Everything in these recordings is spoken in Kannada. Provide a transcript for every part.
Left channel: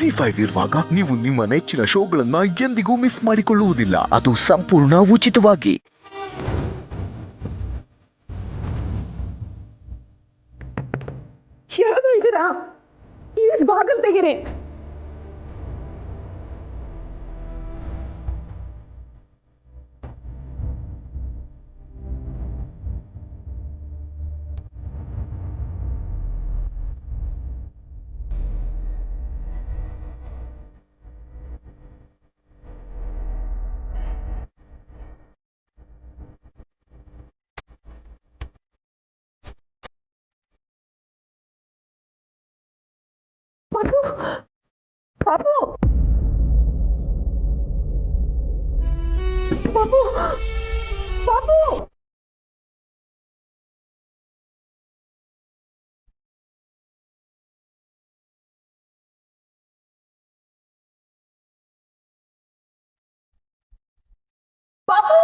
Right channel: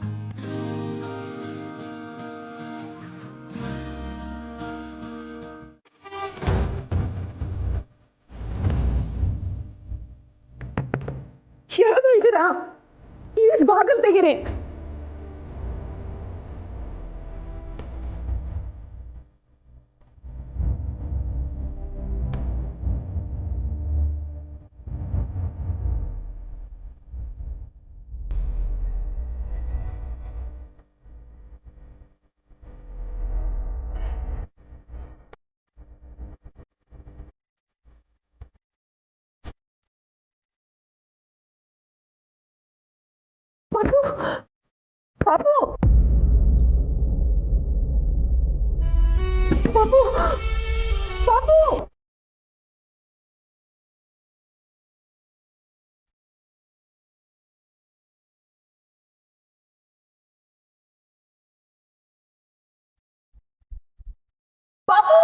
ಜಿ5 ಇರುವಾಗ ನೀವು ನಿಮ್ಮ ನೆಚ್ಚಿನ ಶೋಗಳನ್ನ ಎಂದಿಗೂ ಮಿಸ್ ಮಾಡಿಕೊಳ್ಳುವುದಿಲ್ಲ. ಅದು ಸಂಪೂರ್ಣ ಉಚಿತವಾಗಿ. ಯಾರು ಇದ್ದೀರಾ? ಪ್ಲೀಸ್ ಬಾಗಿಲು ತೆಗೀರಿ. ಪಾಪು ಪಾಪು ಪಾಪು ಪಾಪು ಪಾಪು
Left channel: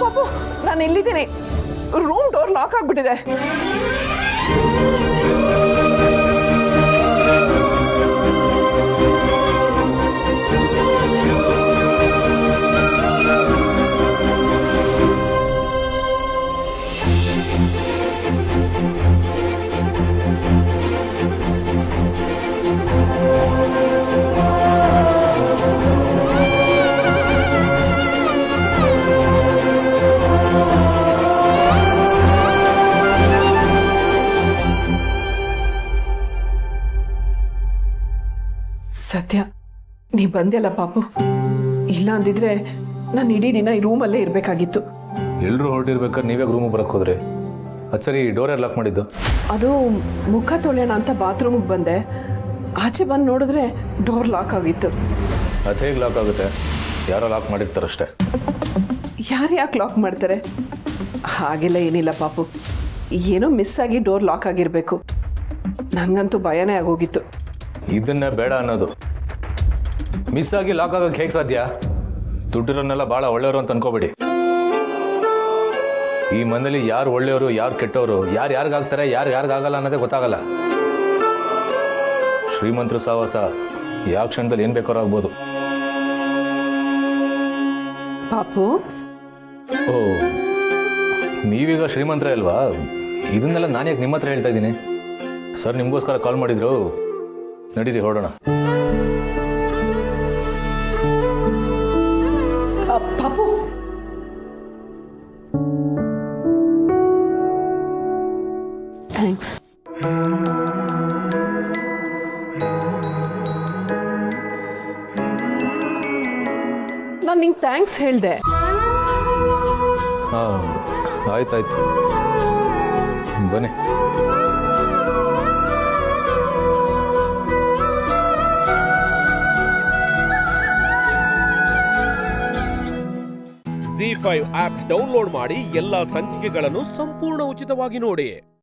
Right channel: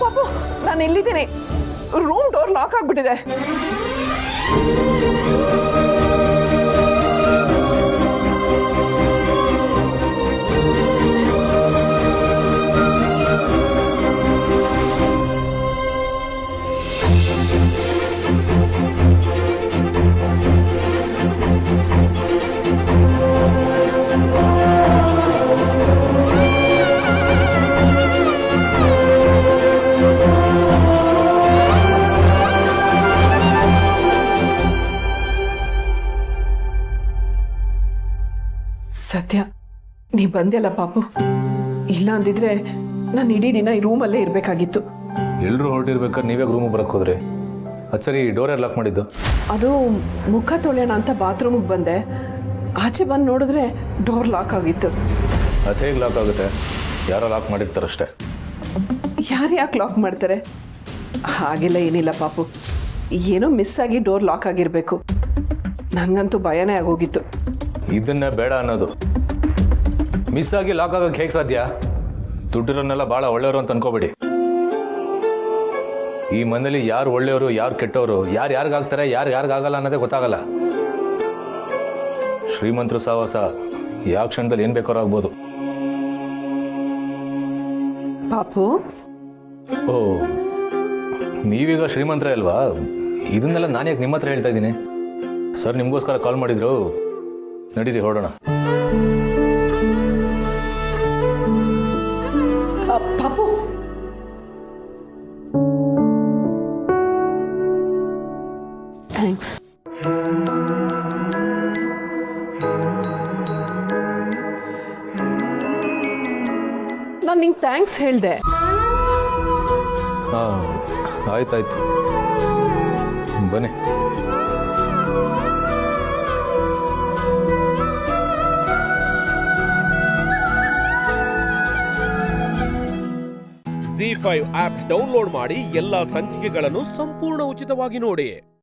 ಪಾಪು ನಾನು ಎಲ್ಲಿದ್ದೀನಿ? ರೂಮ್ ಡೋರ್ ಲಾಕ್ ಆಗ್ಬಿಟ್ಟಿದೆ. ಸತ್ಯ, ನೀ ಬಂದ್ಯಲ್ಲ ಪಾಪು. ಇಲ್ಲ ಅಂದಿದ್ರೆ ನಾನು ಇಡೀ ದಿನ ಈ ರೂಮಲ್ಲೇ ಇರಬೇಕಾಗಿತ್ತು. ಎಲ್ಲರೂ ಹೊರಟಿರ್ಬೇಕಾದ್ರೆ ನೀವೇ ರೂಮಿಗೆ ಬರಕ್ಕೆ ಹೋದ್ರಿ? ಅದು ಸರಿ, ಡೋರ್ ಯಾರು ಲಾಕ್ ಮಾಡಿದ್ದು? ಅದು ಮುಖ ತೊಳೆಯೋಣ ಅಂತ ಬಾತ್ರೂಮಿಗೆ ಬಂದೆ. ಆಚೆ ಬಂದು ನೋಡಿದ್ರೆ ಡೋರ್ ಲಾಕ್ ಆಗಿತ್ತು. ಅದು ಹೇಗೆ ಲಾಕ್ ಆಗುತ್ತೆ? ಯಾರೋ ಲಾಕ್ ಮಾಡಿರ್ತಾರಷ್ಟೇ. ಯಾರು ಯಾಕೆ ಲಾಕ್ ಮಾಡ್ತಾರೆ? ಹಾಗೆಲ್ಲ ಏನಿಲ್ಲ ಪಾಪು, ಏನೋ ಮಿಸ್ ಆಗಿ ಡೋರ್ ಲಾಕ್ ಆಗಿರಬೇಕು. ನನಗಂತೂ ಭಯನೇ ಆಗೋಗಿತ್ತು. ಇದನ್ನ ಬೇಡ ಅನ್ನೋದು. ಮಿಸ್ ಆಗಿ ಲಾಕ್ ಆಗಕ್ಕೆ ಹೇಗೆ ಸಾಧ್ಯ? ದುಡ್ಡಿರೋನ್ನೆಲ್ಲ ಭಾಳ ಒಳ್ಳೆಯವರು ಅಂತ ಅನ್ಕೋಬೇಡಿ. ಈ ಮನೇಲಿ ಯಾರು ಒಳ್ಳೆಯವರು, ಯಾರು ಕೆಟ್ಟವರು, ಯಾರು ಯಾರಿಗಾಗ್ತಾರೆ, ಯಾರು ಯಾರಿಗಾಗಲ್ಲ ಅನ್ನೋದೇ ಗೊತ್ತಾಗಲ್ಲ. ಶ್ರೀಮಂತರು ಸಹವಾಸ ಯಾವ ಕ್ಷಣದಲ್ಲಿ ಏನು ಬೇಕಾದ್ರೂ ಆಗ್ಬೋದು. ಪಾಪು, ಓ, ನೀವೀಗ ಶ್ರೀಮಂತರ ಅಲ್ವಾ? ಇದನ್ನೆಲ್ಲ ನಾನು ಯಾಕೆ ನಿಮ್ಮ ಹತ್ರ ಹೇಳ್ತಾ ಇದ್ದೀನಿ? ಸರ್ ನಿಮಗೋಸ್ಕರ ಕಾಲ್ ಮಾಡಿದ್ರು. ನಡೀರಿ ಹೊರಡೋಣ. ಪಾಪು, ಥ್ಯಾಂಕ್ಸ್. ನಾನು ನಿಂಗೆ ಥ್ಯಾಂಕ್ಸ್ ಹೇಳಿದೆ. ಹಾಂ, ಆಯ್ತಾಯ್ತು, ಬನ್ನಿ. ಜಿ5 ಆಪ್ ಡೌನ್ಲೋಡ್ ಮಾಡಿ ಎಲ್ಲಾ ಸಂಚಿಕೆಗಳನ್ನು ಸಂಪೂರ್ಣ ಉಚಿತವಾಗಿ ನೋಡಿ.